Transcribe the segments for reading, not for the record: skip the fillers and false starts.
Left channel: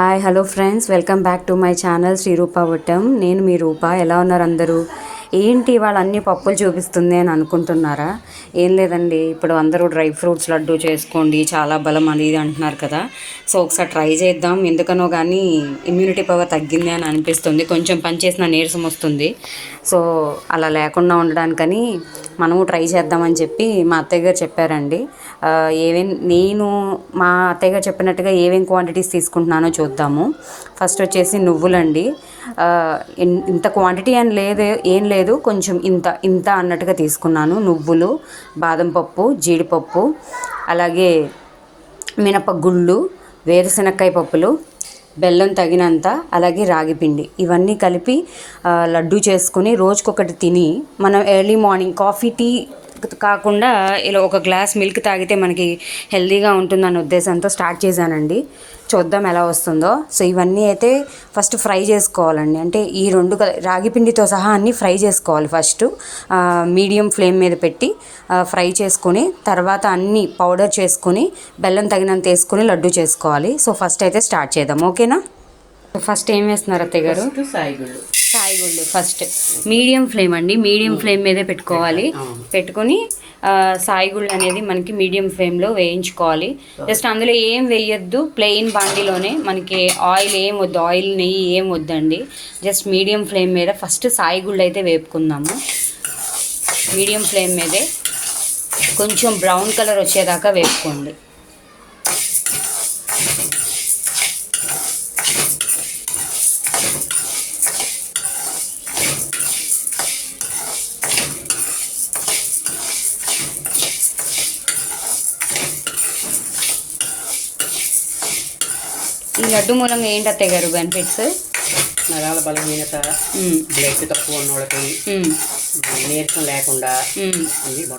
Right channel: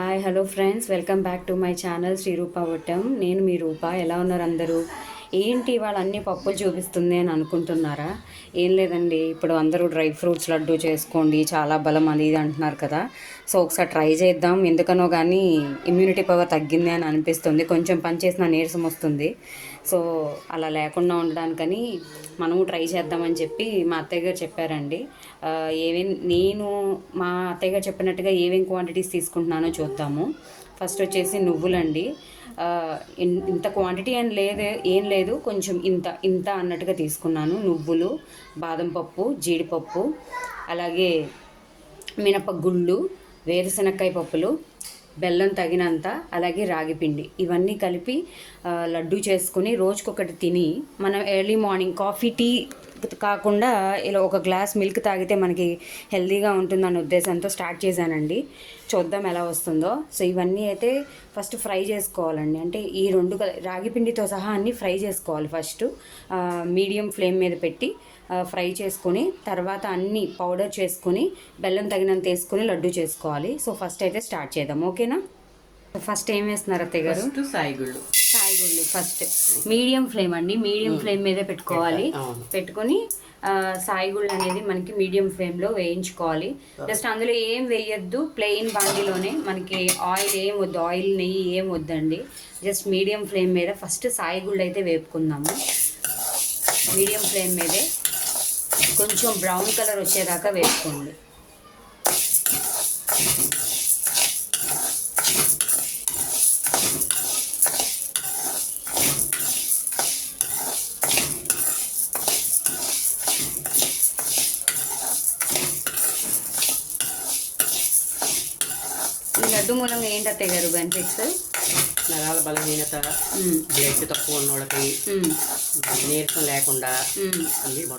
Hi hello friends, welcome back to my channel Sri Roopa Vattam. నేను మీ రూప. ఎలా ఉన్నారు అందరూ? ఏంటి వాళ్ళు అన్ని పప్పులు చూపిస్తుంది అని అనుకుంటున్నారా? ఏం లేదండి, ఇప్పుడు అందరూ డ్రై ఫ్రూట్స్ లడ్డు చేసుకోండి చాలా బలం అనేది అంటున్నారు కదా. సో ఒకసారి ట్రై చేద్దాం. ఎందుకనో కానీ ఇమ్యూనిటీ పవర్ తగ్గింది అని అనిపిస్తుంది, కొంచెం పని చేసిన నీరసం వస్తుంది. సో అలా లేకుండా ఉండడానికని మనము ట్రై చేద్దామని చెప్పి మా అత్తయ్య గారు చెప్పారండి. నేను మా అత్తయ్య గారు చెప్పినట్టుగా ఏమేమి క్వాంటిటీస్ తీసుకుంటున్నానో చూద్దాము. ఫస్ట్ వచ్చేసి నువ్వులండి. ఇంత క్వాంటిటీ అని ఏం లేదు, కొంచెం ఇంత ఇంత అన్నట్టుగా తీసుకున్నాను. నువ్వులు, బాదం పప్పు, జీడిపప్పు, అలాగే మినపగుళ్ళు, వేరుశనక్కాయ పప్పులు, బెల్లం తగినంత, అలాగే రాగిపిండి, ఇవన్నీ కలిపి లడ్డు చేసుకుని రోజుకొకటి తిని మనం ఎర్లీ మార్నింగ్ కాఫీ టీ కాకుండా ఇలా ఒక గ్లాస్ మిల్క్ తాగితే మనకి హెల్తీగా ఉంటుందన్న ఉద్దేశంతో స్టార్ట్ చేశానండి. చూద్దాం ఎలా వస్తుందో. సో ఇవన్నీ అయితే ఫస్ట్ ఫ్రై చేసుకోవాలండి. అంటే ఈ రాగి పిండితో సహా అన్నీ ఫ్రై చేసుకోవాలి. ఫస్ట్ మీడియం ఫ్లేమ్ మీద పెట్టి ఫ్రై చేసుకొని తర్వాత అన్నీ పౌడర్ చేసుకొని బెల్లం తగినంత వేసుకొని లడ్డు చేసుకోవాలి. సో ఫస్ట్ అయితే స్టార్ట్ చేద్దాం, ఓకేనా? ఫస్ట్ ఏం వేస్తున్నారు అత్తయ్య గారు? సాయిగుళ్ళు ఫస్ట్ మీడియం ఫ్లేమ్ అండి, మీడియం ఫ్లేమ్ మీదే పెట్టుకోవాలి. పెట్టుకొని సాయిగుళ్ళు అనేది మనకి మీడియం ఫ్లేమ్లో వేయించుకోవాలి. జస్ట్ అందులో ఏం వేయొద్దు, ప్లెయిన్ బాండీలోనే, మనకి ఆయిల్ ఏం వద్దు, ఆయిల్ నెయ్యి ఏం వద్దండి. జస్ట్ మీడియం ఫ్లేమ్ మీద ఫస్ట్ సాయిగుళ్ళు అయితే వేపుకుందాము. మీడియం ఫ్లేమ్ మీదే కొంచెం బ్రౌన్ కలర్ వచ్చేదాకా వేపుకోండి. ఈ లడ్డు మూలంగా ఏంటి అత్తయ్య గారు బెనిఫిట్స్? నరాల బలహీనత, బ్లడ్ తక్కువ ఉన్నోళ్ళకి, నీరసం లేకుండా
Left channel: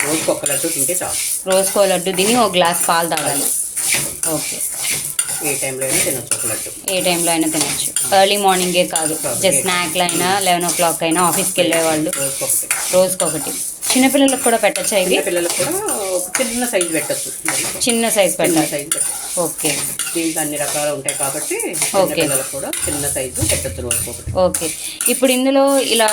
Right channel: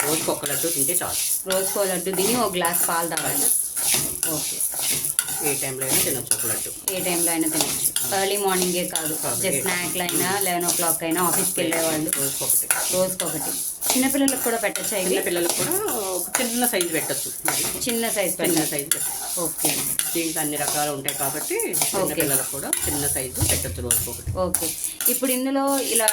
రోజుకి ఒక్క లడ్డు తింటే చాలు. రోజుకో లడ్డు తిని ఒక గ్లాస్ పాలు తాగాలి. ఓకే, ఏ టైంలో అయినా తినొచ్చు ఒక లడ్డు. ఏ టైంలో అయినా తినచ్చు, ఎర్లీ మార్నింగే కాదు, జస్ట్ స్నాక్లు అయినా 11 o'clock అయినా ఆఫీస్కి వెళ్ళేవాళ్ళు రోజుకొకటి. చిన్నపిల్లలకు కూడా పెట్టచ్చా ఇది? పిల్లలకు కూడా చిన్న సైజు పెట్టచ్చు, చిన్న సైజు పెట్టాలి. ఓకే, దీంట్లో అన్ని రకాలు ఉంటాయి కాబట్టి పిల్లలకు కూడా చిన్న సైజు పెట్టచ్చు రోజుకొకటి. ఓకే, ఇప్పుడు ఇందులో ఇలా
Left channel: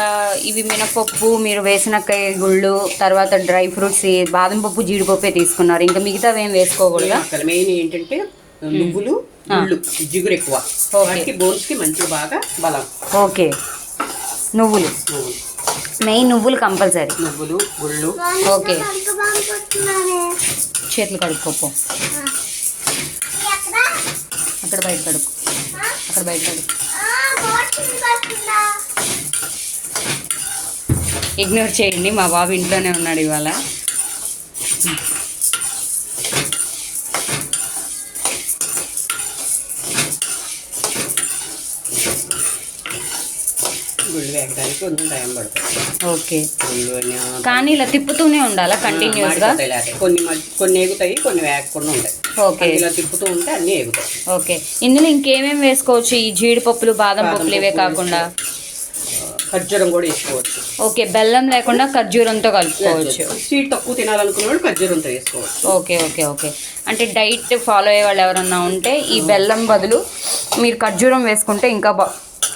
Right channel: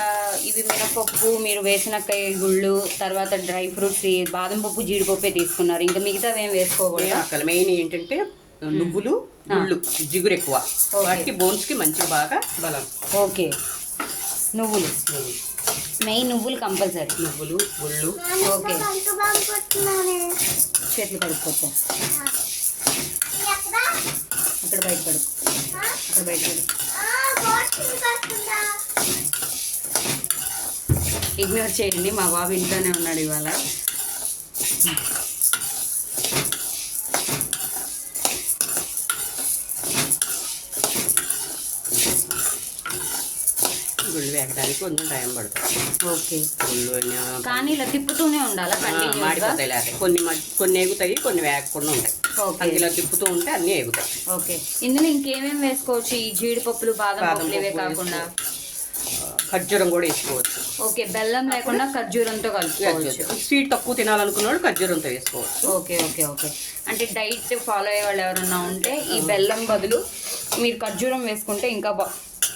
ఇవి మినపప్పు, మీరు వేసినకాయ గుళ్ళు, తర్వాత డ్రై ఫ్రూట్స్, బాదం పప్పు, జీడిపప్పే తీసుకున్నారు, ఇంకా మిగతా ఏం వేసుకోకూడదు. అక్కడ మెయిన్ ఏంటంటే నువ్వులు, గుళ్ళు, జిగురు ఎక్కువ, బోన్స్ కి మంచి బాగా బలం. ఓకే, నువ్వులు మెయిన్, నువ్వులు కంపల్సరీ, నువ్వులు, గుళ్ళు. ఓకే, చేతులు కడుక్కోపో, అక్కడ బయట కడుక్కో, అక్కడ బయట కడుక్కో. ఇగ్నోర్ చేయండి, మా బాబు ఇంట్లోనే ఉన్నాడు ఇవాళ. కొంచెం టైం పడుతుంది. ఓకే, కానీ ఇలా తిప్పుతూనే ఉండాలా కంటిన్యూస్గా? కొన్ని ఎగుతాయి, కొన్ని వేగకుండా ఉంటాయి. ఓకే, ఇలా తిప్పుతూ ఉంటే అన్నీ ఎగుతాయి. ఓకే, ఇందులో ఇంకేమేమి వేసుకోవచ్చు? ఈ జీడిపప్పులు, బాదం పప్పులు ఇవే కాకుండా ఖర్జూరం కూడా వేసుకోవచ్చు. ఓకే, బెల్లం లేకుండా ఖర్జూరంతో కలుపుకోవచ్చు. స్వీట్ తక్కువ తినాలనుకున్న ఖర్జూరంతో వేసుకోవచ్చు. ఓకే ఓకే ఓకే, అంటే డైట్ ఫాలో అయ్యే వాళ్ళు ఎవరన్నా ఉంటే ఈ బెల్లం బదులు మీరు ఖర్జూరం వేసుకుంటే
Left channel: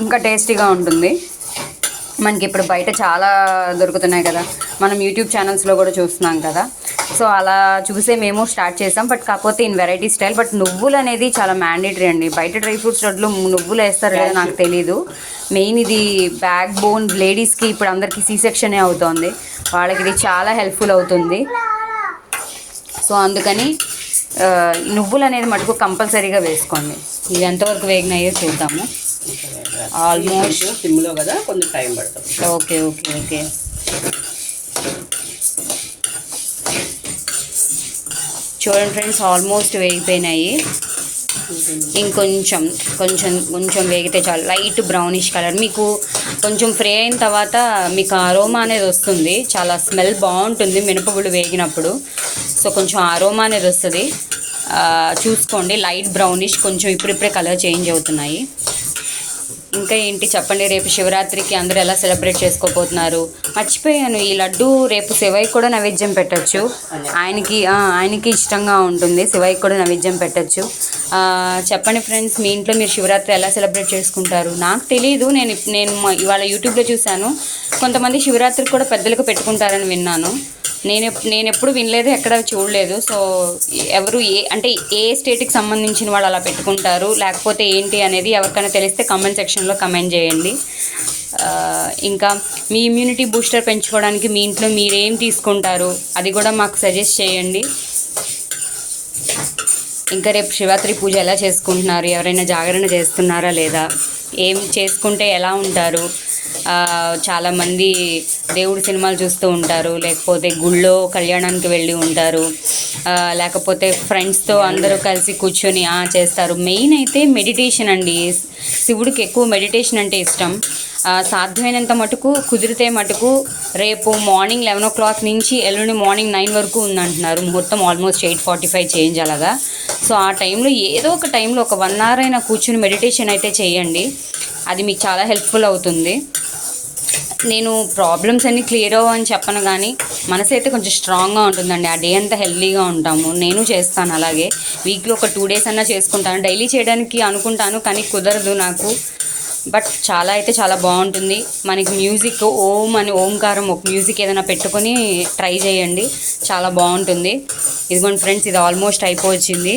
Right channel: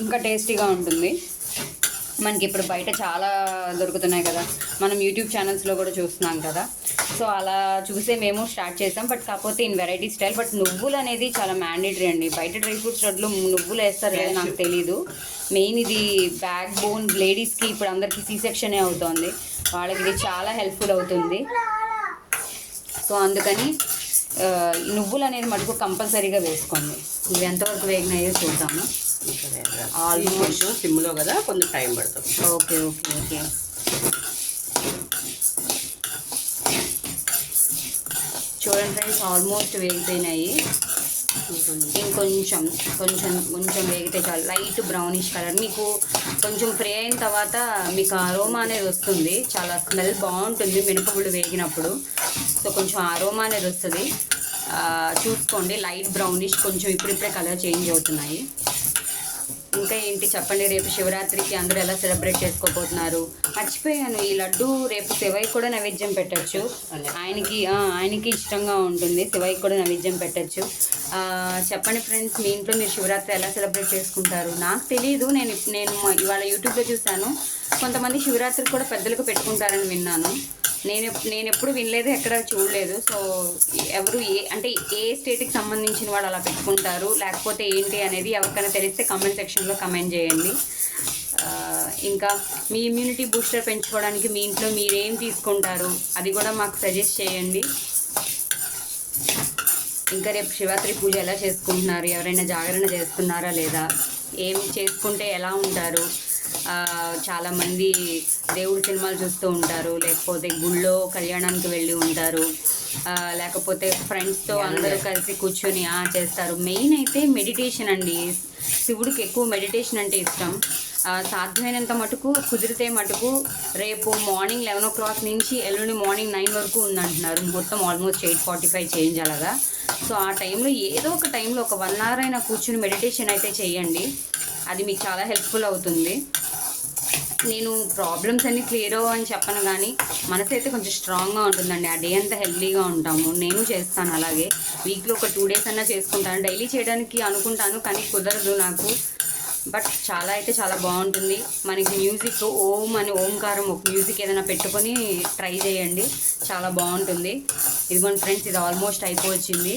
ఇంకా టేస్టీగా ఉంటుంది. మనకి ఇప్పుడు బయట చాలా దొరుకుతున్నాయి కదా, మనం యూట్యూబ్ ఛానల్స్లో కూడా చూస్తున్నాం కదా. సో అలా చూసే మేము స్టార్ట్ చేసాం, బట్ కాకపోతే ఇన్ వెరైటీ స్టైల్. బట్ నువ్వులు అనేది చాలా మ్యాండేటరీ అండి. బయట డ్రై ఫ్రూట్స్ లడ్లు నువ్వులు వేస్తారు లేదా నాకు తెలీదు. మెయిన్ ఇది బ్యాక్ బోన్ లేడీస్కి, ఇప్పుడు అందరికీ సీ సెక్షనే అవుతుంది, వాళ్ళకి ఇది చాలా హెల్ప్ఫుల్ అవుతుంది. సో అందుకని నువ్వులు అనేది మటుకు కంపల్సరీగా వేసుకోండి. ఇవి ఎంతవరకు వేగినాయో చూద్దాము. ఆల్మోస్ట్ సిమ్లో కదా, కొంచెం టైం పడుతుంది. ఓకే ఓకే ఓకే, చూడండి ఫ్రెండ్స్, ఆల్మోస్ట్ వేగిపోయినాయి. ఇంకొంచెం కొంచెం కొంచెం వేగితే చాలు. లైట్ బ్రౌనిష్ కలర్, మీకు కొంచెం ఫ్రై అయిన తర్వాత మీకు అరోమా అనేది వస్తుంది, చాలా స్మెల్ బాగుంటుంది మినపగుళ్ళు వేగినప్పుడు. సో కొంచెం అరోమా అనేది వస్తుంది, చూసుకోండి. లైట్ బ్రౌనిష్, కొంచెం ఇప్పుడిప్పుడే కలర్ చేంజ్ అవుతున్నాయి. ఇంకా ఏంటి చెప్పండి, రేపు శివరాత్రికి అందరూ ఎలా సెలబ్రేట్ చేసుకోబోతున్నారు? మర్చిపోయాను, ఈ లడ్డు రేపు శివయ్య కూడా నైవేద్యం పెట్టచ్చు. ఆయనకి ఇష్టంగా ఉంటుంది, శివయ్య కూడా నైవేద్యం పెట్టచ్చు. చెప్పండి ఫ్రెండ్స్, మీ ఇంట్లో మీరు శివరాత్రి ఎలా సెలబ్రేట్ చేసుకుంటారు? నాకు తెలియదు, నేను ఇవాళ యూట్యూబ్లో చూశాను, కొంతమంది శివరాత్రికి కూడా పెద్దలకు పెట్టుకుంటారని విన్నాను. నేను ఎప్పుడు వినలేదు, ఎక్కడ చూడలేదు. సో ఎవరు ఏ స్టేట్కి సంబంధించిన వాళ్ళు అలా పెట్టుకుంటారు, లేకపోతే ఏంటి అనేది ఎవరికైనా తెలిస్తే కామెంట్ సెక్షన్లో కమెంట్ చేయండి. ఇంకా మీ ఇమ్యూనిటీ బూస్టర్ పెంచుకోవడానికి మీ ఇంట్లో మీరేం తీసుకుంటారు అది కూడా మాకు సజెస్ట్ చేయండి. ఇంకా రేపు శివరాత్రి పూజ ఎలా చేసుకుంటున్నారు? ఎవరైనా జాగరణ చేస్తున్నారా లేదా? ఏం చేసుకుంటే ఎలా ఉంటారు? చాలామంది దేవుడి సినిమాలు చూస్తూ ఉంటారు, లేకపోతే గుళ్ళో కళ్యాణానికి వెళ్ళి ఉంటారు, లేకపోతే ఫ్రెండ్స్తో అందరూ కలిసి కూర్చొని చేస్తారు. మెయిన్ అయితే మెడిటేషన్ అండి. శివుడికి ఎక్కువ మెడిటేషన్ అంటే ఇష్టం. సాధ్యమైనంత మటుకు కుదిరితే మటుకు రేపు మార్నింగ్ 11 o'clock నుంచి ఎల్లుండి మార్నింగ్ 9 వరకు ఉందంటున్నారు. ముహూర్తం ఆల్మోస్ట్ 8:45 చేంజ్ అలాగా. సో ఆ టైంలో ఏదో ఒక టైంలో ఒక 1 hour అయినా కూర్చుని మెడిటేషన్ అయితే చేయండి. అది మీకు చాలా హెల్ప్ఫుల్ అవుతుంది. నేను ప్రాబ్లమ్స్ అన్నీ క్లియర్ అవ్వని చెప్పను, కానీ మనసు అయితే కొంచెం స్ట్రాంగ్గా ఉంటుందండి. ఆ డే అంతా హెల్తీగా ఉంటాము. నేను చేస్తాను అలాగే. వీక్లో ఒక 2 days అన్నా చేసుకుంటాను. డైలీ చేయడానికి అనుకుంటాను, కానీ కుదరదు నాకు. బట్ చాలా బాగుంటుంది. మనకి మ్యూజిక్ ఓంకారం ఒక మ్యూజిక్ ఏదైనా పెట్టుకొని ట్రై చేయండి, చాలా బాగుంటుంది. ఇదిగోండి ఫ్రెండ్స్, ఇది ఆల్మోస్ట్ అయిపోవచ్చింది.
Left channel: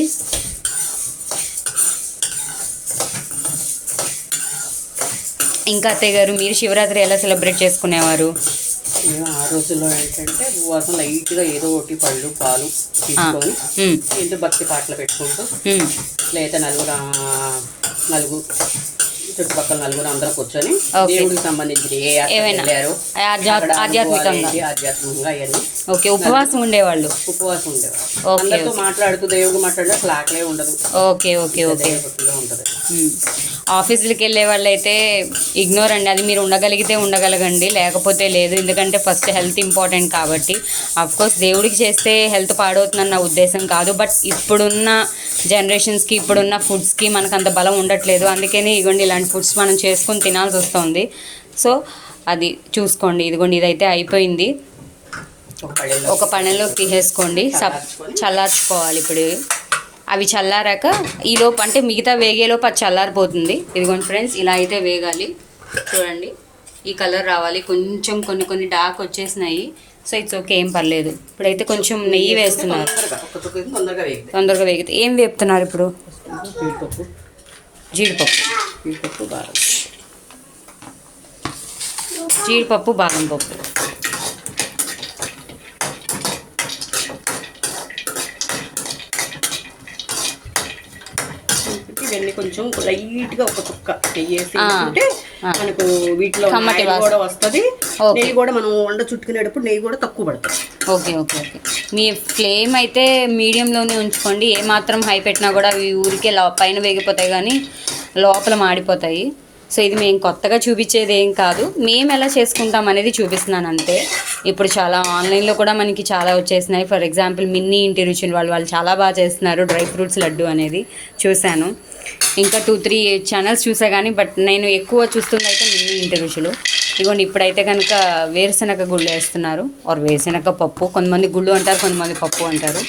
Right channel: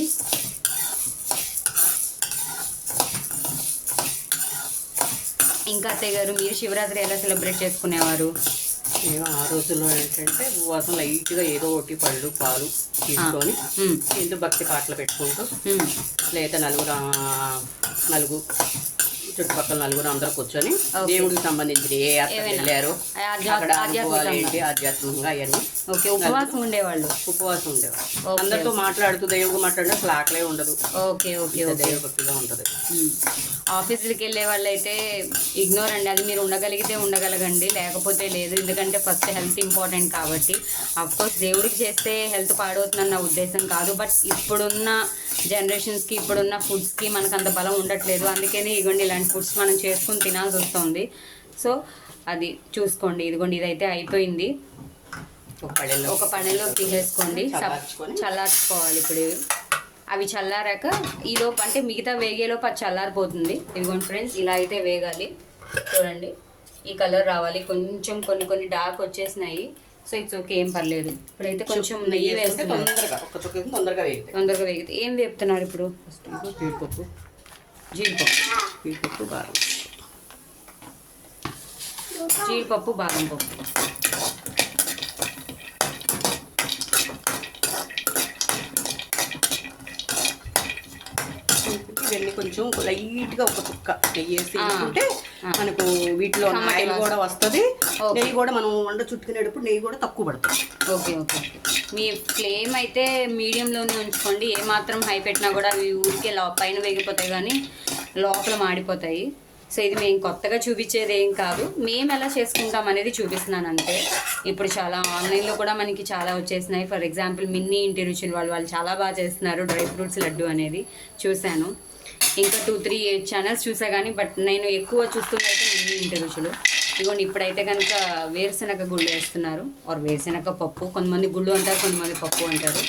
ఇంకా అత్తయ్య గారు, మీరు శివరాత్రి ఎలా సెలబ్రేట్ చేసుకునేవారు? ఆ రోజుల్లో ఏంటంటే ఉపవాసం లైట్గా ఏదో ఒకటి పళ్ళు పాలు తీసుకొని ఇంట్లో భక్తి పాటలు పెట్టుకుంటూ, లేదా నలుగురు చుట్టుపక్కల నలుగురు అందరూ కూర్చొని దేవుడికి సంబంధించి ఆధ్యాత్మికంగా అవన్నీ ఉపవాసం ఉండేవాళ్ళు. అందరితో మాట్లాడుతూ దేవుడు మాట్లాడే అసలు ఆకలే ఉండదు. ఓకే ఉంటుంది. ఆఫీసులకి వెళ్ళే వాళ్ళు అయితే ఇగ్నోర్ అండి, అది మీరు ఉండగలిగితే ఉండగలగండి, లేకపోతే లేదు. ఎందుకంటే ఫస్ట్ హెల్త్ ఇంపార్టెంట్ కాబట్టి. అఫ్కోర్స్ దేవుడికి చేస్తే హెల్త్ పాడవుతుందని నా ఉద్దేశం కాదు, బట్ ఇప్పుడున్న జనరేషన్స్కి ఇప్పుడున్న ఫుడ్స్కి మనకు అంత బలం ఉండట్లేదు. అందుకని ఇదిగోండి ఇలాంటి ఫుడ్స్ మనం చేసుకొని తినాల్సి వస్తుంది. సో అది చూసుకోండి. ఇదిగోండి ఇదైతే అయిపోయింది. ఒక పళ్ళెంలో తీసేసుకోండి, చల్లార్చుకోవాలి. ఇప్పుడు అవి చల్లారాక ఈలోపు అంటే మిగతా వేగేలోపు అది చల్లారిపోతుంది. ఇదిగోండి ఫ్రెండ్స్, ఇలా అయితే వేగాలి. చూడండి ఈ కలర్ రావాలి. కొంచెం కొన్ని డార్క్ వచ్చేసినాయి. సో ఇట్స్ ఓకే, ఏం పర్లేదు. ఇప్పుడైతే కొంచెం నెయ్యి వేస్తున్నారు, తొందరగా వేగితే. ఏం వేపుతున్నారు ఇప్పుడు? జీడిపప్పు బాదం పప్పు. కొంచెం లైట్గా ఒక చుక్క నెయ్యి వేసుకుంటే మనకు వీటిలో కూడా వస్తుంది. నెయ్యి కూడా మనం వండ చుట్టుకునేటప్పుడు నెయ్యి కూడా తక్కువ పడుతుంది. ఓకే. మీ ఫ్లేమ్ అయితే మీడియంలోనే ఉంచుకోండి. ఏమాత్రం హై పెట్టినా కూడా అవి ఊరికే పైన వేగిపోతాయి కానీ లోపల మాడిపోతాయి. సో ఇది మేము కొత్తగా చూపించేది ఏం కాదు, మేము ఎలా చేసుకుంటాం అనేది చూపిస్తున్నాను అంతే. ఇప్పుడు చాలా ఆన్లైన్లో కూడా మనకి చాలా వచ్చేసినాయి. ఫర్ ఎగ్జాంపుల్ మిన్నీ ఇంటి రుచులు వాళ్ళు చాలా బాగా చేస్తున్నారు. డ్రై ఫ్రూట్స్ లడ్డు అనేది చూశాను. ఇంకా 2-3 ఛానల్స్ చూసా కానీ, బట్ నేను ఎక్కువ చూస్తుంది అయితే మిన్నీ ఇంటి రుచులు. ఇదిగోండి ఇప్పుడైతే కనుక వేరుశనగ గుళ్ళు వేస్తున్నారు, ఆర్ వేరుశనగ పప్పు. కొంతమంది గుళ్ళు అంటారు, కొంతమంది పప్పు అంటారు.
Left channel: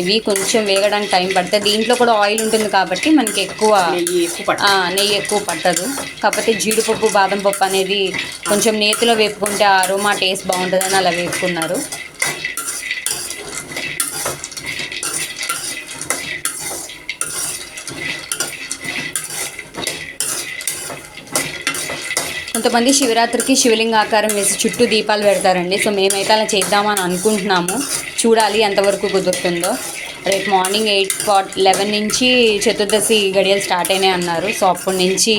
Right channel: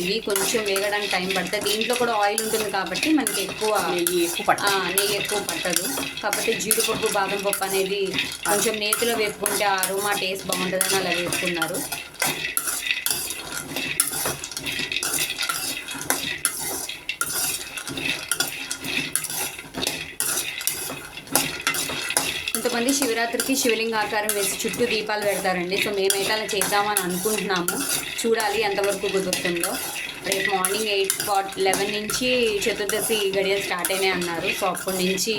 ఇవి కొంచెం వేగడానికి టైం పడుతుంది. దీంట్లో కూడా ఆయిల్ ఉంటుంది కాబట్టి మనకి నెయ్యి ఎక్కువ పట్టదు. కాకపోతే జీడిపప్పు బాదం పప్పు అనేది కొంచెం నేతిలో వేపుకుంటే అరోమా టేస్ట్ బాగుంటుందని అలా వేపుకున్నారు. కొంతమంది శివరాత్రికి శివలింగ ఆకారం వేసి చుట్టూ దీపాలు పెడతారండి. సో మేమైతే అలా చేద్దామని అనుకుంటున్నాము, చూడాలి ఎంతవరకు కుదురుతుందో. రేపు మార్నింగ్ 11 నుంచి చతుర్దశి గడియలు స్టార్ట్ అయినాయి అన్నారు. సో అప్పటి నుంచి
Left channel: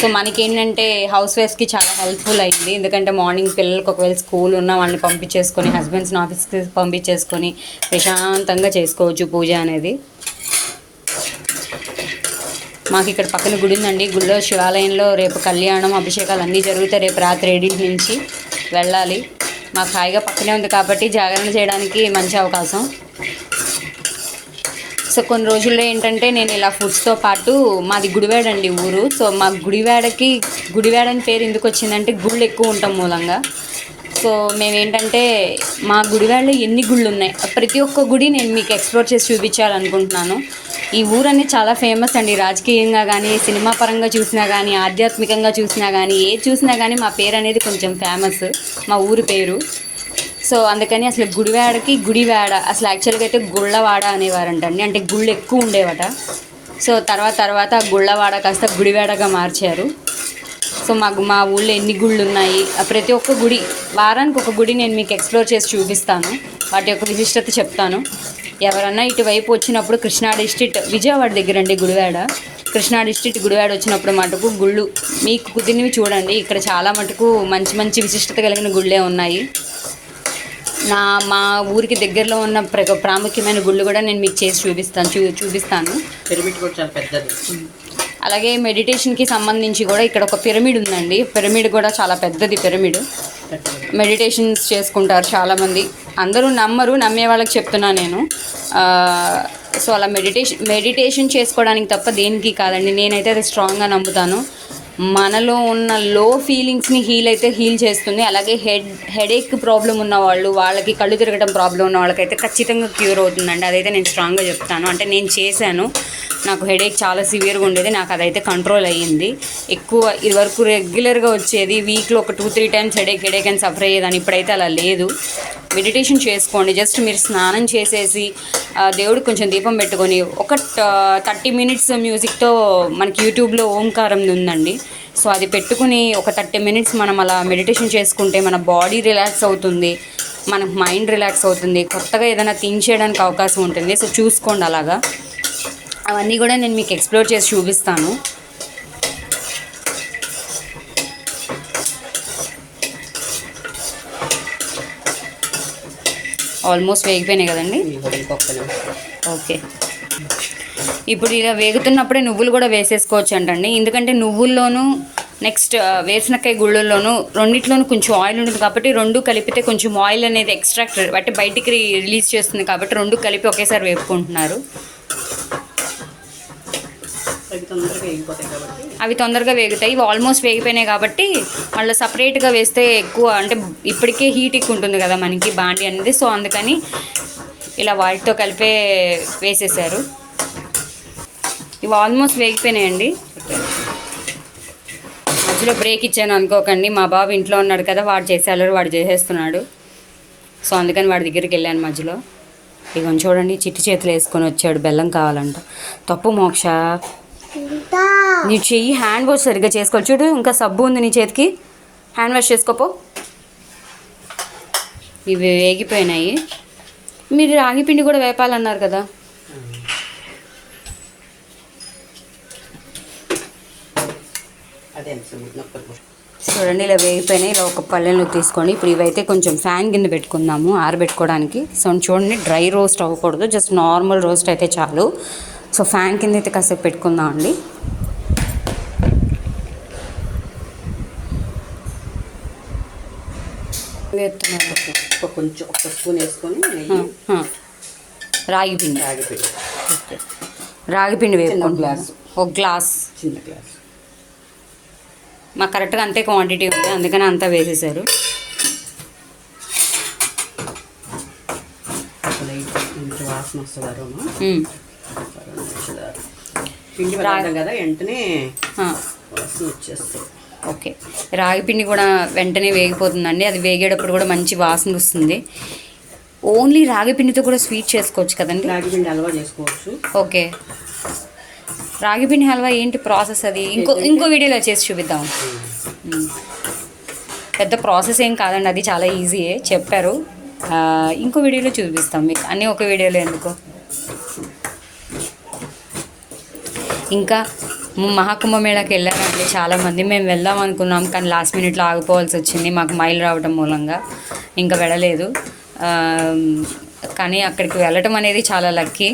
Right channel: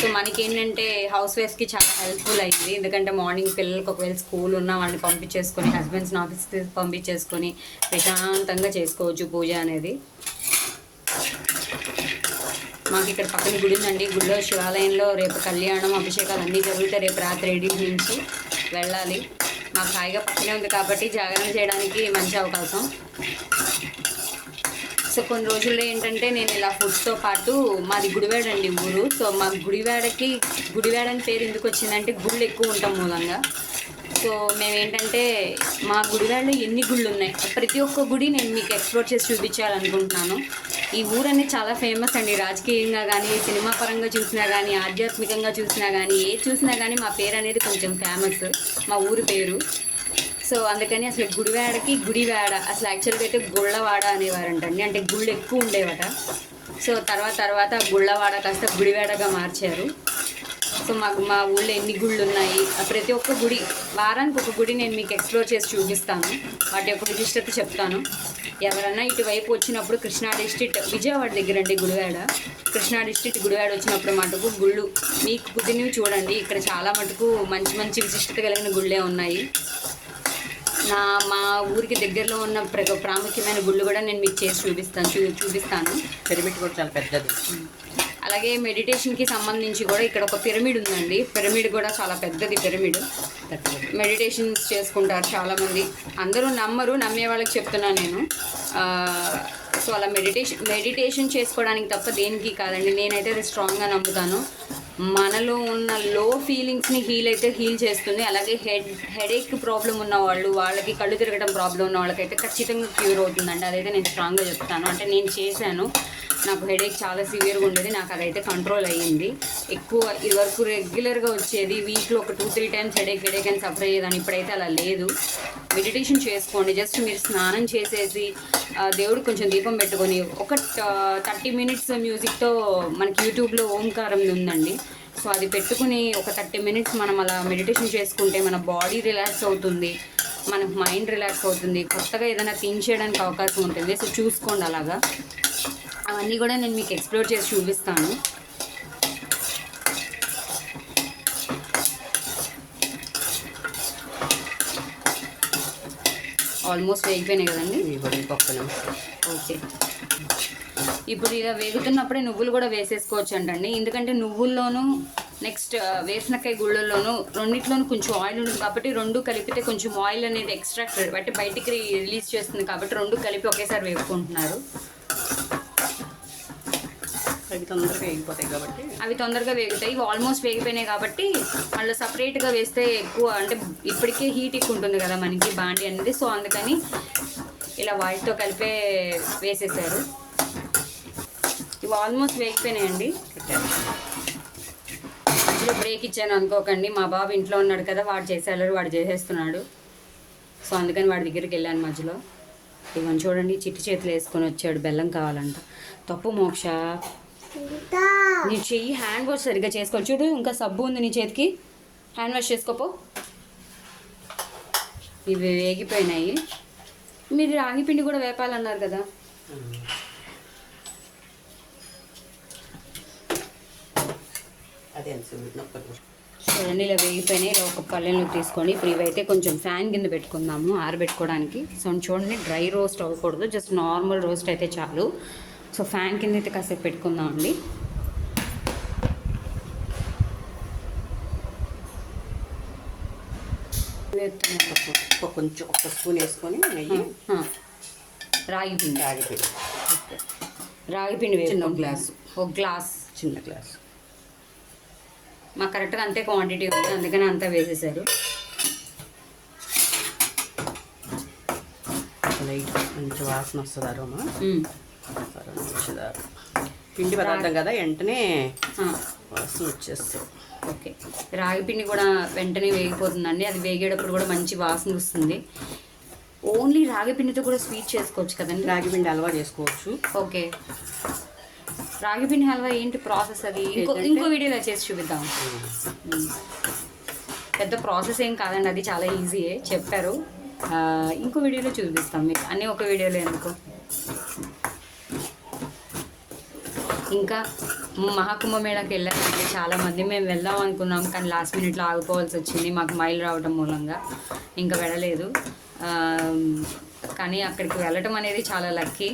సో మనకేంటంటే హౌస్ వైఫ్స్కి చాలా హెల్ప్ఫుల్ అయింది. ఎందుకంటే మార్నింగ్ పిల్లలకి ఒకవేళ స్కూల్ ఉన్న వాళ్ళని పంపించేసుకొని, హస్బెండ్స్ని ఆఫీస్కి పంపించేసుకొని ప్రశాంతంగా చేసుకోవచ్చు పూజ అనేది. మాకు ఇక్కడ పక్కన గుడి ఉందండి. గుడిలో శివాలయంలో రేపు కళ్యాణం అభిషేకాలు అన్నీ జరుగుతాయి. రేపు రాత్రి 7 నుంచి వెళ్ళాలి. మాకు హాయిగా పక్కనే ఉంది కాబట్టి జాగరణ చేయడానికి మంచి అవకాశం. సో కొన్ని రోజుల్లో ఏంటంటే నేను ఇలా ఫుడ్స్తో పాటు మాది గుడివాడ అండి ఊరు. సో మా గుడివాడ అని పేరు ఎందుకు వచ్చిందంటే గుళ్ళు ఎక్కువ ఉంటాం మూలంగా. సో మేమేంటంటే మా గుడివాడలో ఎన్ని గుళ్ళు ఉన్నాయి, ప్రతి ఒక్క గుడి నేను మీకు ఎక్స్ప్లోర్ చేసి చూపించాలనుకుంటున్నాను. ఈ ఊరన్నీ చాలా ఫేమస్ అండి, రాజకీయంగా కానీ, సినిమా పరంగా చూసినా కానీ, ఆధ్యాత్మికంగా చూసినా కానీ, ఏది చూసినా కానీ మా పేరు అనేది కొంచెం ఫేమస్, మా ఊరి పేరు. సో అందుకని అసలు గుడివాడ అసలు యాక్చువల్గా అయితే గుళ్ళవాడ అనేవారంటండి, అంటే గుళ్ళు ఎక్కువ ఉండేవట. సో తర్వాత గుళ్ళవాడ కాస్త గుడివాడగా మార్చారు. సో మా ఊళ్ళో ఎన్ని గుళ్ళు ఉన్నాయి, ప్రతి ఒక్క గుడి వారానికి ఒక గుడి నేను మీకు ఎక్స్ప్లోర్ చేసి చూపిస్తాను, వాటి యొక్క విశిష్టత చెప్తాను. ఎవరన్నా ఇటువైపు వచ్చినప్పుడు కృష్ణా డిస్ట్రిక్ట్ విజయవాడ దగ్గర అండి గుడివాడ, కృష్ణా డిస్ట్రిక్ట్ గుడివాడ వచ్చినప్పుడు మటుకు గుళ్ళు మీకు కుదిరినవి చూడండి. ఇక్కడ చాలా మటుకు మంచి మంచి విశిష్టత కలిగిన గుళ్ళే ఉన్నాయి. మా ఊరికి దగ్గరలో ఉన్న ప్రాముఖ్యమైన గుళ్ళు కూడా నేను మీకు చేసి చూపిస్తాను. పిరమిడ్ కూడా చాలా పెద్దది. అలాగే మెడిటేషన్కి సంబంధించి కూడా ఇక్కడ ఒక పిరమిడ్ ఉందండి, పిరమిడ్ కూడా చాలా పెద్దది. పిరమిడ్ మెడిటేషన్స్ చేసుకుంటారు చాలామంది, అందరూ నమ్మరు, నమ్మే వాళ్ళకి చెప్తున్నా నేను. సో అలా మెడిటేషన్ చేసుకోవడానికి తప్ప దేనికి కాదండి, నేనైతే అది స్ట్రాంగ్గా నమ్ముతాను. మనలో ఉన్న లో ఫీలింగ్స్ని హీల్ చేస్తుంది. అలాగే హెడేక్ ప్రాబ్లం ఉన్న వాళ్ళకి, కళ్ళు తిరగడం ప్రాబ్లం ఉన్న వాళ్ళకైతే ఖచ్చితంగా క్యూర్ అవుతుందండి, అదైతే నేను స్ట్రాంగ్గా చెప్తాను. అంటే నేను చేశాను, నాకు హెడేక్ చాలా సివియర్గా ఉండేది, నాకు అదైతే కంట్రోల్ అయ్యింది. ఎక్కువ ఇది వరకు రెగ్యులర్గా వచ్చేది, వీక్లో ఒక 2-3 టైమ్స్ హెడేక్ అని సఫర్ అయ్యేదాన్ని, ఇప్పుడైతే అలా లేదు. మెడిటేషన్ చేసుకోండి, జస్ట్ మీరు స్నానం చేసేసి దేవుడికి కొంచెం దీపం పెట్టుకొని ఒక 30 మినిట్స్ మ్యూజిక్తో మనకి యూట్యూబ్లో ఓంకారం ఉందండి. సో అది పెట్టుకుని ఒక 30 మినిట్స్ మనం అలా మెడిటేషన్ చేసుకుంటే మన బాడీ రిలాక్స్ అవుతుంది, మన మైండ్ రిలాక్స్ అవుతుంది, కొత్తగా ఏదైనా థింక్ చేయడానికి అవకాశం ఉంటుంది. సో చూసుకోండి అలాగా, అవన్నీ కూడా నేను మీకు ఎక్స్ప్లోర్ చేసి చూపిస్తాను. ఆల్మోస్ట్ వేగిపోయినాయి కదండి. ఓకే, ఇప్పుడు ఇలా వేగుతున్నప్పుడే నువ్వులు కూడా వేసేసుకోవచ్చు అంటండి, ఎందుకంటే నువ్వుల్లోనూ నెక్స్ట్ వేరుశనక్కాయ గుళ్ళల్లోనూ రెండిట్లోనూ కొంచెం ఆయిల్ ఉంటుంది కాబట్టి రెండు కలిపితే కొంచెం ఆయిల్ అనేది ఎక్స్ట్రాక్ట్ అంటే బయటికి రిలీజ్ చేస్తుంది కాబట్టి రెండు కలిపి ఒకేసారి వేపుకుంటున్నారు. అవి తొందరగా వేగుతాయి, ఇవి ఆల్మోస్ట్ వేగిపోయినాయి కాబట్టి మళ్ళీ సపరేట్గా వేస్తే ఎక్కువ, అంటే ఇప్పటికే హీట్ ఎక్కువ ఉంటుంది కదా మనకి బాండి అనేది. సో అందుకని ఇలా వాటితో కలిపే వేసేసారు. ఇవి ఆల్మోస్ట్ వేగిపోయినాయండి. మధ్యలో బ్రేక్ ఇచ్చాను అనుకోకండి, మా బాబు ఇంట్లో ఉన్నాడు కదా, వాడు చేసేస్తున్నాడు. సో అందుకని వాడి దగ్గరికి వెళ్ళాను మధ్యలో. ఇక చూడండి, చిట్టి చేతులు వేసుకొని వచ్చాడు, బెల్లం కావాలంట. తప్పు మోక్ష, నీ చెయ్యి హ్యాండ్ వాష్ సరిగ్గా చేసుకోవాలి. చూడు, ఇంకా సబ్బు ఉంది నీ చేతికి, హ్యాండ్ వాష్ చేసుకోపో. ఇవి వేగిపోయినాయి. మీరు రాగి పిండి కూడా వేపాలన్నారు కదా. చూడండి, ఇలా వేగిపోయినాయి. ఇలా ఒక పల్లెలు తీసుకోండి. ఇప్పుడు ఇవైతే కొంచెం ఫ్యాన్ కింద పెట్టుకుందాము ఆరబెట్టుకోవడానికి. సో చూడండి, డ్రై రోస్ట్ అవ్వకూడదు, జస్ట్ నార్మల్ రోస్ట్ అయితే చాలు. సో ఫ్యాన్ కింద అయితే కాసేపు పెట్టుకుందాం అండి. కొంచెం ఒక స్పూన్ వేసుకొని రాగి పిండి వేసుకుంటున్నాను. ఒక గ్లాస్, చిన్న గ్లాస్. మాకు కరెక్ట్గా అంతే క్వాంటిటీ ఉంది, అందుకని అంతా వేసేసారు. వాసన వస్తుంది పిండి కదా, వెంటనే వాసన వచ్చేస్తుంది. ఓకే, రాగి పిండి కూడా వెంటనే వేగిపోతుందండి. అది వేగేటప్పుడు కూడా మంచి వాసన వస్తుంది. ఓన్లీ రాగి పిండితో కూడా స్వీట్ చేసుకోవచ్చు కదండి. రాగి పిండి హల్వా చేసుకోవచ్చు. ఓకే, రాగి పిండి హల్వా ఏంటి ప్రాసెస్? అది ఇంకో వీడియోలో చేసి చూపిద్దాం. పెద్ద ప్రాసెస్ ఏం కాదండి, అది చాలా ఈజీయే చెప్పారు. ఇంకో వీడియోలో చూపిస్తాం మీకు, అన్నీ ఒక వీడియోలో ఎందుకు. ఇంకా మహాకుంభమేళాకి వెళ్ళారంటే చాలామంది. మేము వెళ్దాం అనుకున్నాం కానీ లాస్ట్ మినిట్లో ఆగిపోవాల్సి వచ్చింది, మాకు మైలు రావడం మూలంగా ఇంకా వెళ్ళలేదు. కానీ అక్కడికి వెళ్ళటం అనేది చాలా లక్కీ.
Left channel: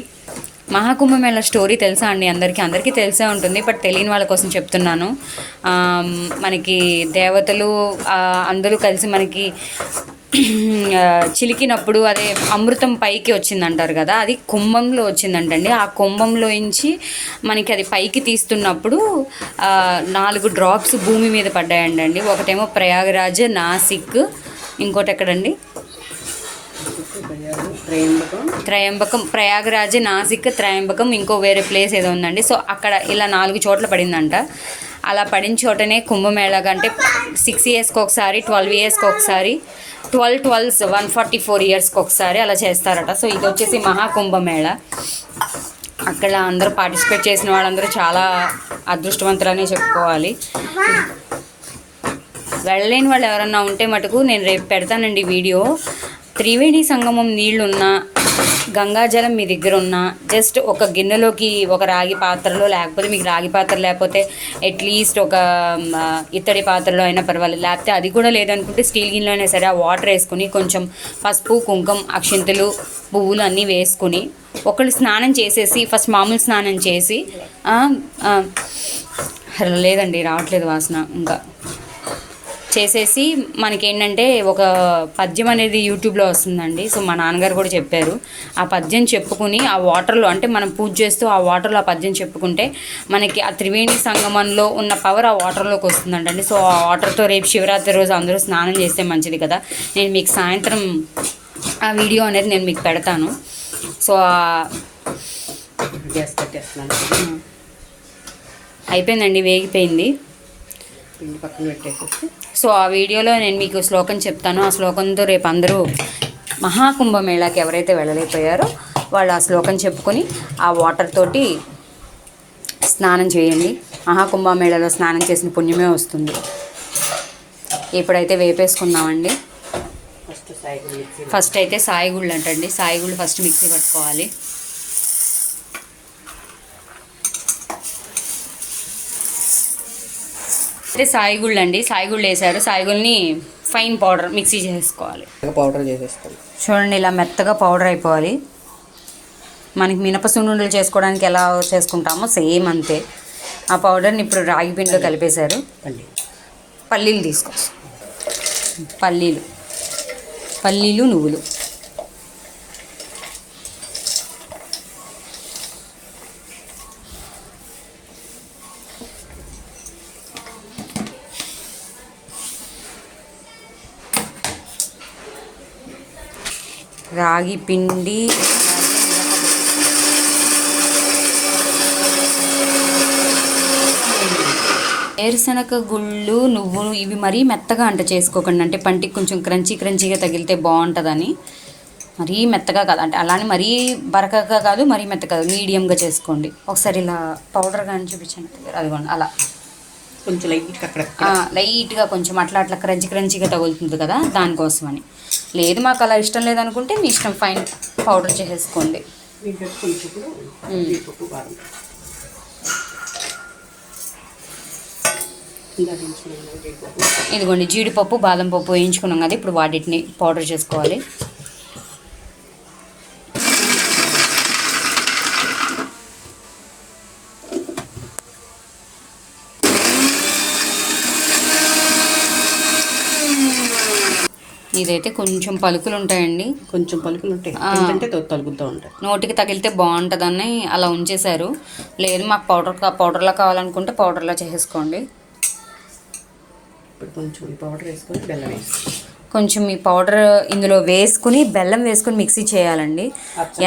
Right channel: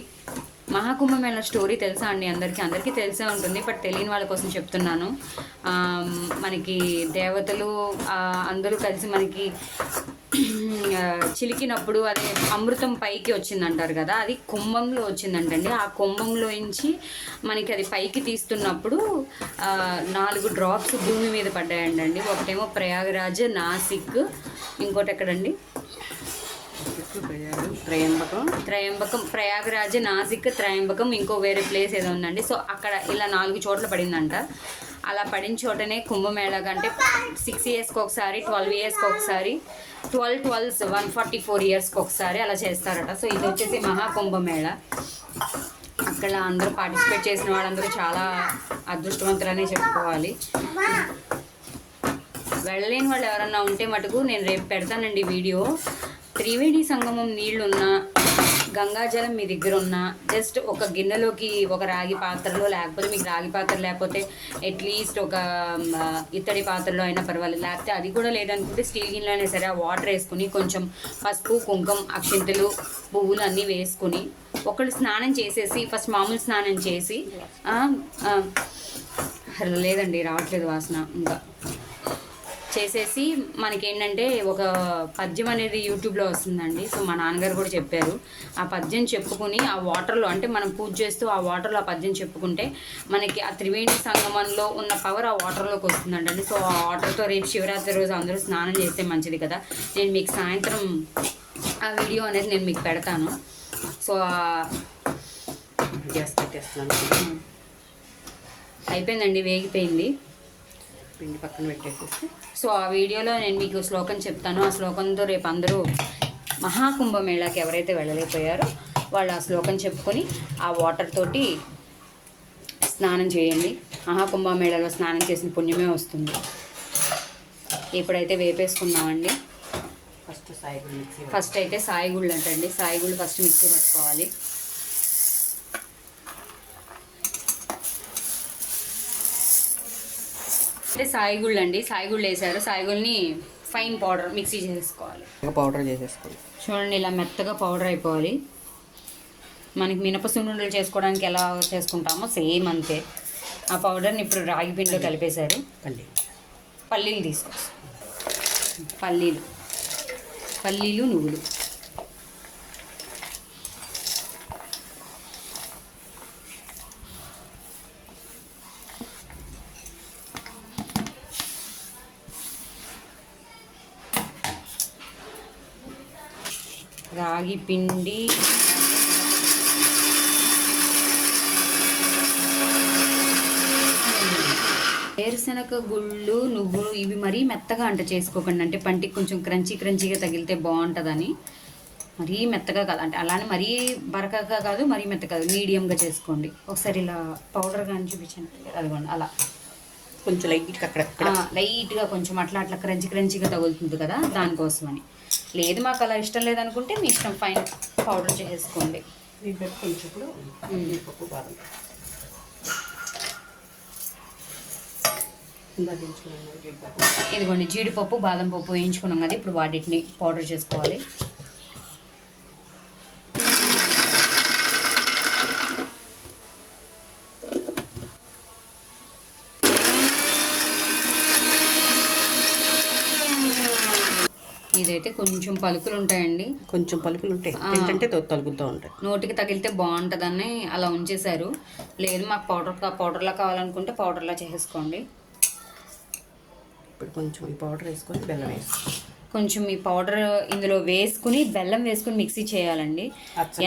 మహాకుంభమేళా స్టోరీ తెలుసా అండి? అందరికీ తెలిసే ఉంటుంది, బట్ తెలియని వాళ్ళ కోసం చెప్తున్నాను. మనకి దేవతలు అందరూ కలిసి మనకి చిలికినప్పుడు అదే అమృతం పైకి వచ్చిందంటారు కదా, అది కుంభంలో వచ్చిందంటండి. ఆ కుంభంలో నుంచి మనకి అది పైకి తీస్తున్నప్పుడు 4 డ్రాప్స్ భూమి మీద పడ్డాయండి. ఒకటేమో ప్రయాగరాజ్, నాసిక్, ఇంకోటి ఎక్కడండి, త్రయంబకం, ప్రయాగరాజ్, నాసిక్, త్రయంబకం, ఇంకో వేరే ప్లేస్ ఏదో ఉందండి. సో అక్కడ ఇలా 4 చోట్ల పడిందంట. అలా పడిన చోటనే కుంభమేళగా, అంటే 6 ఇయర్స్కి ఒకసారి, 12 ఇయర్స్కి ఒకసారి, 12 144 ఇయర్స్కి ఒకసారి అలా చేస్తారట. సో ఇది వచ్చేసి మహాకుంభమేళ. అక్కడ అందరూ పార్టిసిపేట్ చేసిన వాళ్ళందరూ చాలా అదృష్టవంతులనే చెప్పుకోవాలి. వెళ్ళలేని వాళ్ళు ఎవరన్నా ఉంటే మటుకు నేను రేపు పెడతానండి వీడియో. త్రివేణి సంగమం నీళ్లున్నా, గంగాజలం మీ దగ్గర ఉన్న, జస్ట్ ఒక గిన్నెలోకి ఒక రాగి పాత్రలో, లేకపోతే మీకు రాగి పాత్ర లేకపోతే అట్లీస్ట్ ఒక ఇత్తడి పాత్రలో అయినా పర్వాలేదు, లేకపోతే అది కూడా లేదనుకుంటే స్టీల్ గిన్నెలో అయినా సరే, ఆ వాటర్ వేసుకుని కొంచెం పసుపు, కుంకుమ, అక్షింతలు, పువ్వులు అన్నీ వేసుకుని ఒకళ్ళు స్నానం చేసేసి, ఫస్ట్ మామూలు స్నానం చేసి, లేదండి రావట్లేదు వాసన, ఇంకా చేసేసి మనకేంటంటే ఒక పద్యం అనేది యూట్యూబ్లో వస్తుందండి. సో మా నాన్నగారు కూడా చెప్పారు. ఆ పద్యం చెప్పుకుని ఆ వాటర్లో, అంటే మనం పూజ చేస్తూ ఆ వాటర్లో ఆ పద్యం చెప్పుకుంటే మనకి ఆ త్రివేణి సంగమంలో ఉన్న పవర్ ఆ వాటర్లోకి వస్తుందంటండి. సో ఆ వాటర్తో రేపు శివరాత్రి రోజు అందరూ స్నానం చేస్తే మంచిది కదా. నేను మీకు సాయంత్రం ఆ వీడియో అనేది నేను మీకు పెడతాను. సో అయిపోయిందండి, వేగిపోయింది. పక్కన పెట్టేసి సో ఆ వీడియోలో నేను మీకు శ్లోకం చెప్తాను. ఆ శ్లోకంతో రేపు అందరూ మహాకుంభమేళాకి ఎవరైతే వెళ్ళలేకపోయారో వాళ్ళు ఆ శ్లోకం చెప్పుకొని ఆ వాటర్ తోటి స్నానం చేయండి. మహాకుంభమేళాలో స్నానం చేసిన పుణ్యమే వస్తుంది. ఇప్పుడైతే వేపేసుకుందామండి. ఫస్ట్ అయితే సాయిగుళ్ళు అంటండి. సాయిగుళ్ళు ఫస్ట్ మిక్సీ పట్టుకోవాలి. అయితే సాయిగుళ్ళు అండి, సాయిగుళ్ళు వేసారు. సాయిగుళ్ళని ఫైన్ పౌడర్ మిక్సీ చేసుకోవాలి. పౌడర్ చేసేసుకోవాలి. చూడండి, ఇలా మెత్తగా పౌడర్ అయిపోవాలి. మనకి మినప సున్నుండలు చేసుకోవడానికి ఎలా చేసుకుంటామో సేమ్ అంతే. ఆ పౌడర్ని ఇప్పుడు రాగి పిండిలో కలిపేశారు. పల్లీలు తీసుకోవచ్చు. పల్లీలు, నువ్వులు, రాగి పిండి, వేరుశనగ గుళ్ళు, నువ్వులు ఇవి మరీ మెత్తగా అంట చేసుకోకండి. అంటే పంటికి కొంచెం క్రంచీగా తగిలితే బాగుంటుందని. మరీ మెత్తగా కాదు, అంటే అలానే మరీ బరకగా కాదు, మరీ మెత్త కాదు, మీడియంగా చేసుకోండి. ఒకసారి ఇలా పౌడర్ కానీ చూపించండి. అదిగోండి అలా కొంచెం లైట్గా కొంచెం అట్లా క్రంచీగా తగులుతుంది కదా, దానికోసమని. లేదు మాకు అలా ఇష్టం లేదనుకుంటే మీ ఇష్టం, ఫైన్ పౌడర్ చేసేసుకోండి. ఇదిగోండి జీడిపప్పు, బాదం పప్పు వేయించుకున్నాం కదా, ఇప్పుడు వాటిని పౌడర్ చేసుకోవాలి. ఇదైతే కొంచెం పలుకులు ఉంటాయండి, కొంచెం పలుకులు ఉంటాయి, తగులుతూ ఉంటాయి. నోటికి తగిలితే బాగుంటుందని అలా ఉంచేశారు. లేదు మాకు పౌడర్లా కావాలనుకుంటే పౌడర్లా చేసేసుకోండి. ఇప్పుడు కొంచెం పౌడర్ వేసుకొని బెల్లం వేసుకోండి. కొంచెం ఈ పౌడర్ ఇందులో వేసుకుని బెల్లం వేసుకుని మిక్సీ చేయాలండి.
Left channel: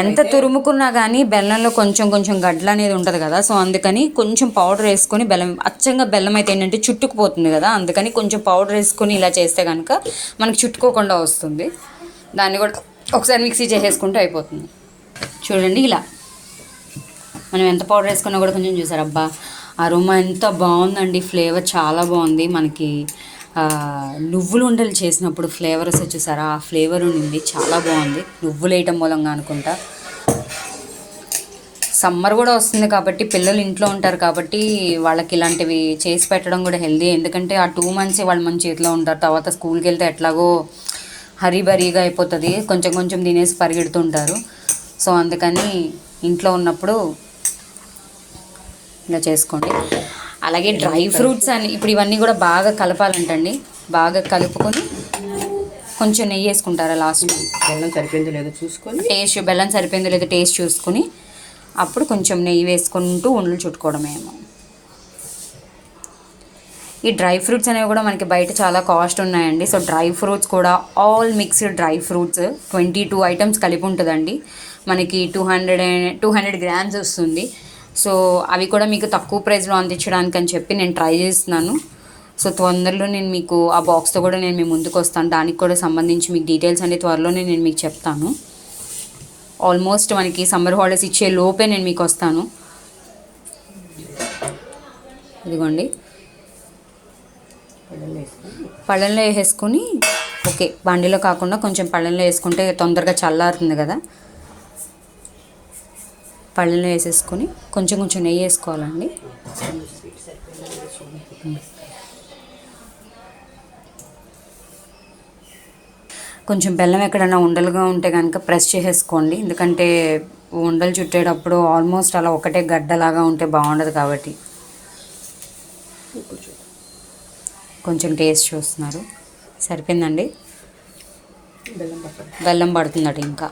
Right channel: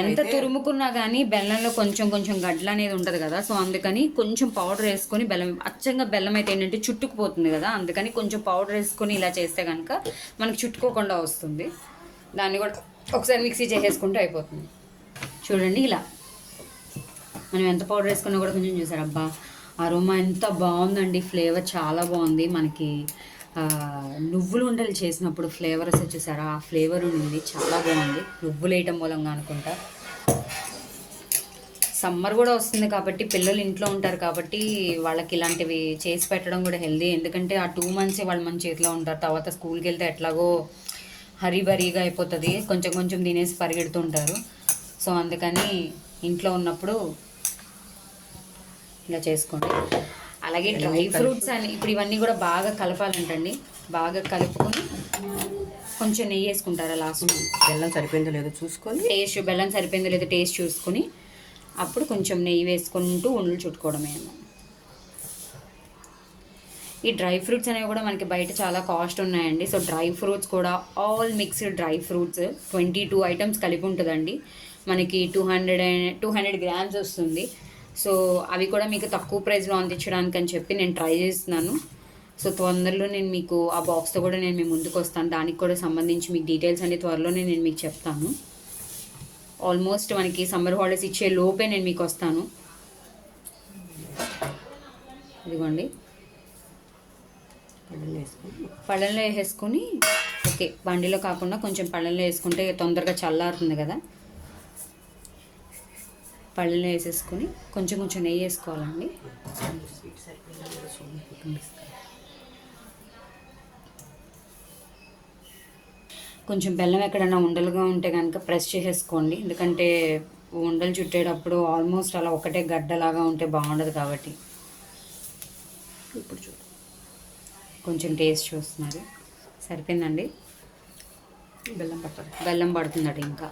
ఎంత తురుముకున్నా కానీ బెల్లంలో కొంచెం గడ్డలు అనేది ఉంటుంది కదా, సో అందుకని కొంచెం పౌడర్ వేసుకొని బెల్లం, అచ్చంగా బెల్లం అయితే ఏంటంటే చుట్టుకుపోతుంది కదా, అందుకని కొంచెం పౌడర్ వేసుకొని ఇలా చేస్తే కనుక మనకి చుట్టుకోకుండా వస్తుంది. దాన్ని కూడా ఒకసారి మిక్సీ చేసేసుకుంటే అయిపోతుంది. చూడండి ఇలా మనం ఎంత పౌడర్ వేసుకున్నా కూడా కొంచెం చూసారు, అబ్బా అరోమా ఎంత బాగుందండి, ఫ్లేవర్ చాలా బాగుంది. మనకి నువ్వులు ఉండలు చేసినప్పుడు ఫ్లేవర్ వస్తే చూసారా, ఆ ఫ్లేవర్ ఉండింది, చాలా బాగుంది. నువ్వులు వేయటం మూలంగా అనుకుంటా. సమ్మర్ కూడా వస్తుంది కాబట్టి పిల్లలు ఇంట్లో ఉంటారు కాబట్టి వాళ్ళకి ఇలాంటివి చేసి పెట్టడం కూడా హెల్దీ. ఎందుకంటే ఆ 2 months వాళ్ళు మన చేతిలో ఉంటారు. తర్వాత స్కూల్కి వెళ్తే ఎట్లాగో హరీబరీగా అయిపోతుంది, కొంచెం తినేసి పరిగెడుతుంటారు. సో అందుకని ఇంట్లో ఉన్నప్పుడు ఇలా చేసుకోండి. అలాగే డ్రై ఫ్రూట్స్ అని ఇప్పుడు ఇవన్నీ కూడా బాగా కలపాలంటండి. బాగా కలుపుకొని కొంచెం నెయ్యి వేసుకుంటారా లాస్ట్? బెల్లం సరిపోయిందో లేదో చూసుకొని బెల్లం సరిపోయిందో లేదో టేస్ట్ చూసుకొని అప్పుడు కొంచెం నెయ్యి వేసుకుంటూ ఉండలు చుట్టుకోవడమే. ఈ డ్రై ఫ్రూట్స్ అనేవి కూడా మనకి బయట చాలా కాస్ట్ ఉన్నాయండి. సో డ్రై ఫ్రూట్స్ కూడా all mixed dry fruits 22 items కలిపి ఉంటుందండి. మనకి 200 గ్రామ్స్ వస్తుంది. సో అవి కూడా మీకు తక్కువ ప్రైస్లో అందించడానికి అని చెప్పి నేను ట్రై చేస్తున్నాను. సో తొందరలో నేను మీకు ఆ బాక్స్తో కూడా నేను మీ ముందుకు వస్తాను. దానికి కూడా సంబంధించి మీకు డీటెయిల్స్ అన్ని త్వరలోనే నేను మీకు చెప్తాను. ఆల్మోస్ట్ మనకి సమ్మర్ హాలిడేస్ ఇచ్చే లోపే నేను మీకు వస్తాను. ఇదిగోండి, పళ్ళెంలో వేసేసుకొని, ఓకే బండిలో కాకుండా కొంచెం పళ్ళెంలో వేసుకుంటే తొందరగా చల్లారుతుంది కదా. పళ్ళెంలో వేసేసుకొని కొంచెం కొంచెం నెయ్యి వేసుకోవాలండి. కొంచెం బెల్లం ఎక్కడైనా ఉండలుగా ఉంటే కనుక ప్రెస్ చేసేసుకోండి, ఎందుకంటే ఉండలు చుట్టేటప్పుడు ఆల్మోస్ట్ అలా ఒకటే గడ్డలాగా ఉంటే బాగుండదు కాబట్టి. కొంచెం టేస్ట్ చూస్తున్నారు, సరిపోయిందండి. బెల్లం పడుతుందట ఇంకా.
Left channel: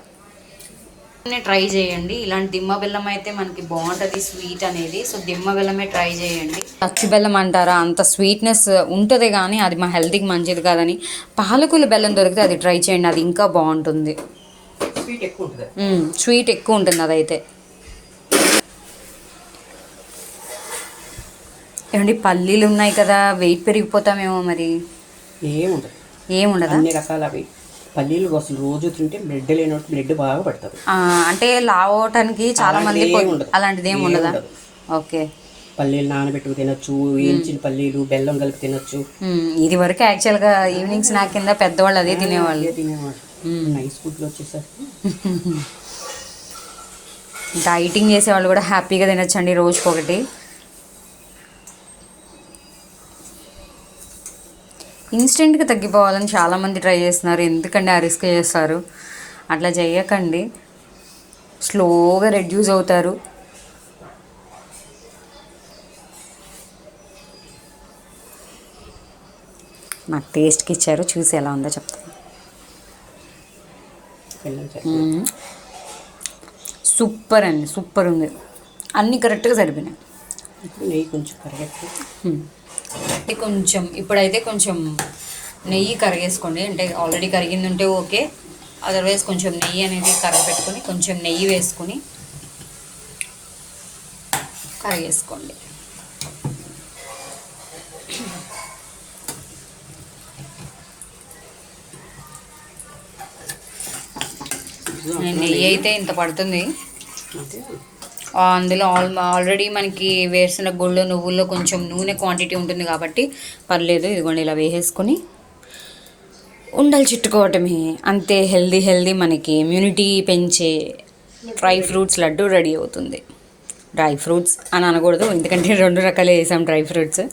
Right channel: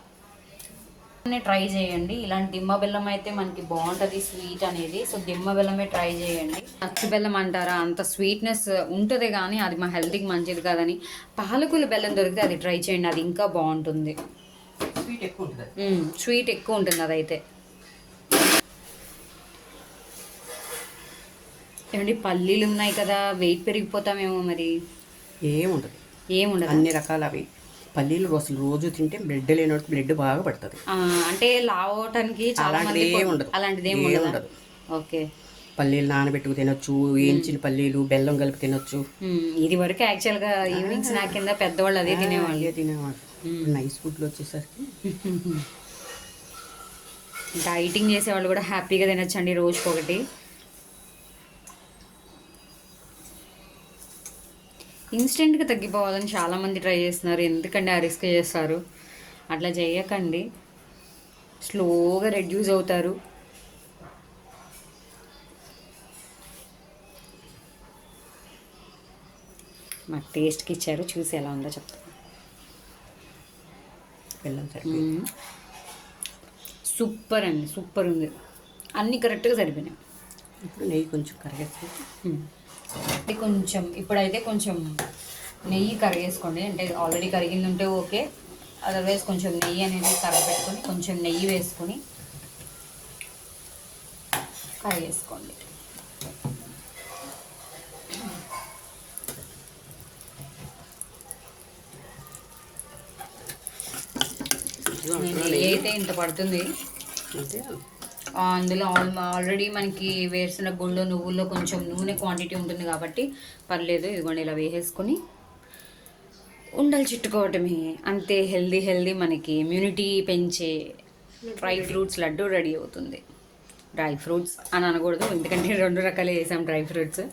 ట్రై చేయండి, ఇలాంటి దిమ్మ బెల్లం అయితే మనకి బాగుంటుంది స్వీట్ అనేది. సో దిమ్మ బెల్లమే ట్రై చేయండి. అచ్చు బెల్లం అంటారా, అంత స్వీట్నెస్ ఉంటుంది కానీ అది మా హెల్త్కి మంచిది కాదని పాలకుల బెల్లం దొరికితే అది ట్రై చేయండి, అది ఇంకా బాగుంటుంది. స్వీట్ ఎక్కువ ఉంటుంది అదైతే. ఏమండి పల్లీలు ఉన్నాయి కదా, వెయిట్ పెరిగిపోతామేమో మరి. ఏముండదు అన్ని రకాల అవి పల్లీలు అసలు రోజు తింటే బ్లడ్ లేనట్టు బ్లడ్ బాగా పడుతుంది. అంటే లావ్ అవటానికి చాలా మంది అలాంటిది ఏమి ఉండదా? ఓకే, పల్లీలు నానబెట్టుకు తినొచ్చు, వేయించిన పల్లీలు బెల్లం కలిపి తినొచ్చు. ఇది వరకు యాక్చువల్గా ఈవినింగ్ స్నాక్ కింద పెద్దవాళ్ళు అదే తినేవాళ్ళు. నైస్ ఫుడ్లు వచ్చేసరికి డైటింగ్ చేసేవాళ్ళు కూడా హ్యాపీగా తినొచ్చండి రోజుకొకటి. ఇన్స్టెంట్గా తగ్గిపోవాలని చాలామంది ట్రై చేస్తున్నారు, ఎందుకండి ఆ రిస్క్ చేస్తారు? అట్లా చేయకండి, స్లోగా రెడ్యూస్ అవుతారు. నాకు టేస్ట్కి ఇచ్చారు, చూసి ఎలా ఉందో చెప్తాను. సూపర్ అండి, సూపర్ ఉంది, అన్నీ కరెక్ట్గా సరిపోయినాయి. నెయ్యి కొంచెం కరెక్ట్ కొంచెం ఇప్పుడైతే కొంచెం నెయ్యి కరిగేసుకోండి, అంటే ఆల్రెడీ కరిగింది ఉంటే ఓకే, అదర్వైజ్ కొంచెం నెయ్యి అనేది కరగపెట్టుకొని కొంచెం నెయ్యి వేసుకొని కరిగేసుకోండి. నెయ్యి అయితే ఇంత పడుతుంది. అందులో ఆల్రెడీ మనకి వేరుశనగ గుళ్ళు నువ్వుల్లో కొంచెం నూనె క్వాంటిటీ ఉంటుంది కాబట్టి పర్లేదు. ఇదిగోండి ఇలా వేసేసుకొని ఉండలు చుట్టుకోవటమే, అంతే. హెల్దీ మనకి ఇమ్యూనిటీ పెంచే డ్రై ఫ్రూట్స్ లడ్డు రెడీ అవుతుంది. డ్రై ఫ్రూట్స్ అని అనకూడదు, ఎందుకంటే 2 రకాలు వేసాం డ్రై ఫ్రూట్స్.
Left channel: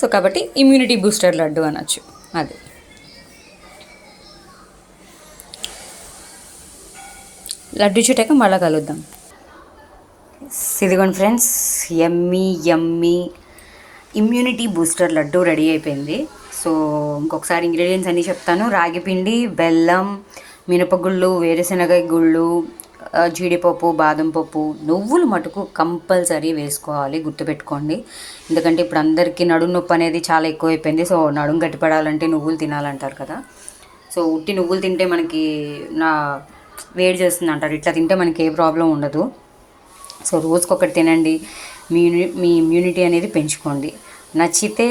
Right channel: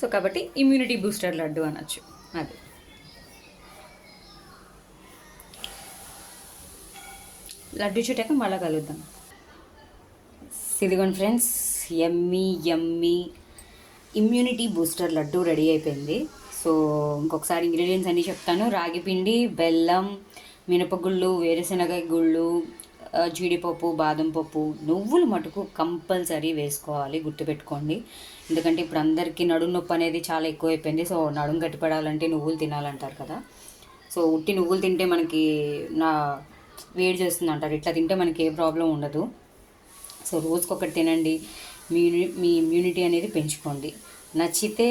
సో కాబట్టి ఇమ్యూనిటీ బూస్టర్ లడ్డు అనొచ్చు. అది లడ్డు చుట్టాక మళ్ళీ కలుద్దాం. ఇదిగోండి ఫ్రెండ్స్, యమ్మీ ఇమ్యూనిటీ బూస్టర్ లడ్డు రెడీ అయిపోయింది. సో ఇంకొకసారి ఇంగ్రీడియంట్స్ అన్నీ చెప్తాను. రాగి పిండి, బెల్లం, మినపగుళ్ళు, వేరుశనగ గుళ్ళు, జీడిపప్పు, బాదం పప్పు, నువ్వులు మటుకు కంపల్సరీ వేసుకోవాలి, గుర్తుపెట్టుకోండి. ఎందుకంటే ఇప్పుడు అందరికీ నడుము నొప్పి అనేది చాలా ఎక్కువైపోయింది. సో నడుము గట్టిపడాలంటే నువ్వులు తినాలంటారు కదా. సో ఉట్టి నువ్వులు తింటే మనకి వేడి చేస్తుంది అంటారు, ఇట్లా తింటే మనకి ఏ ప్రాబ్లం ఉండదు. సో రోజుకొకటి తినండి, మీ ఇమ్యూనిటీ అనేది పెంచుకోండి. నచ్చితే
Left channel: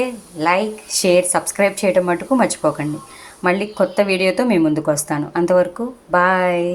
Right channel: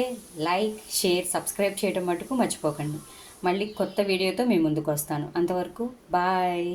లైక్, షేర్, సబ్స్క్రైబ్ చేయడం మటుకు మర్చిపోకండి. మళ్ళీ కొత్త వీడియోతో మీ ముందుకు వస్తాను. అంతవరకు బాయ్.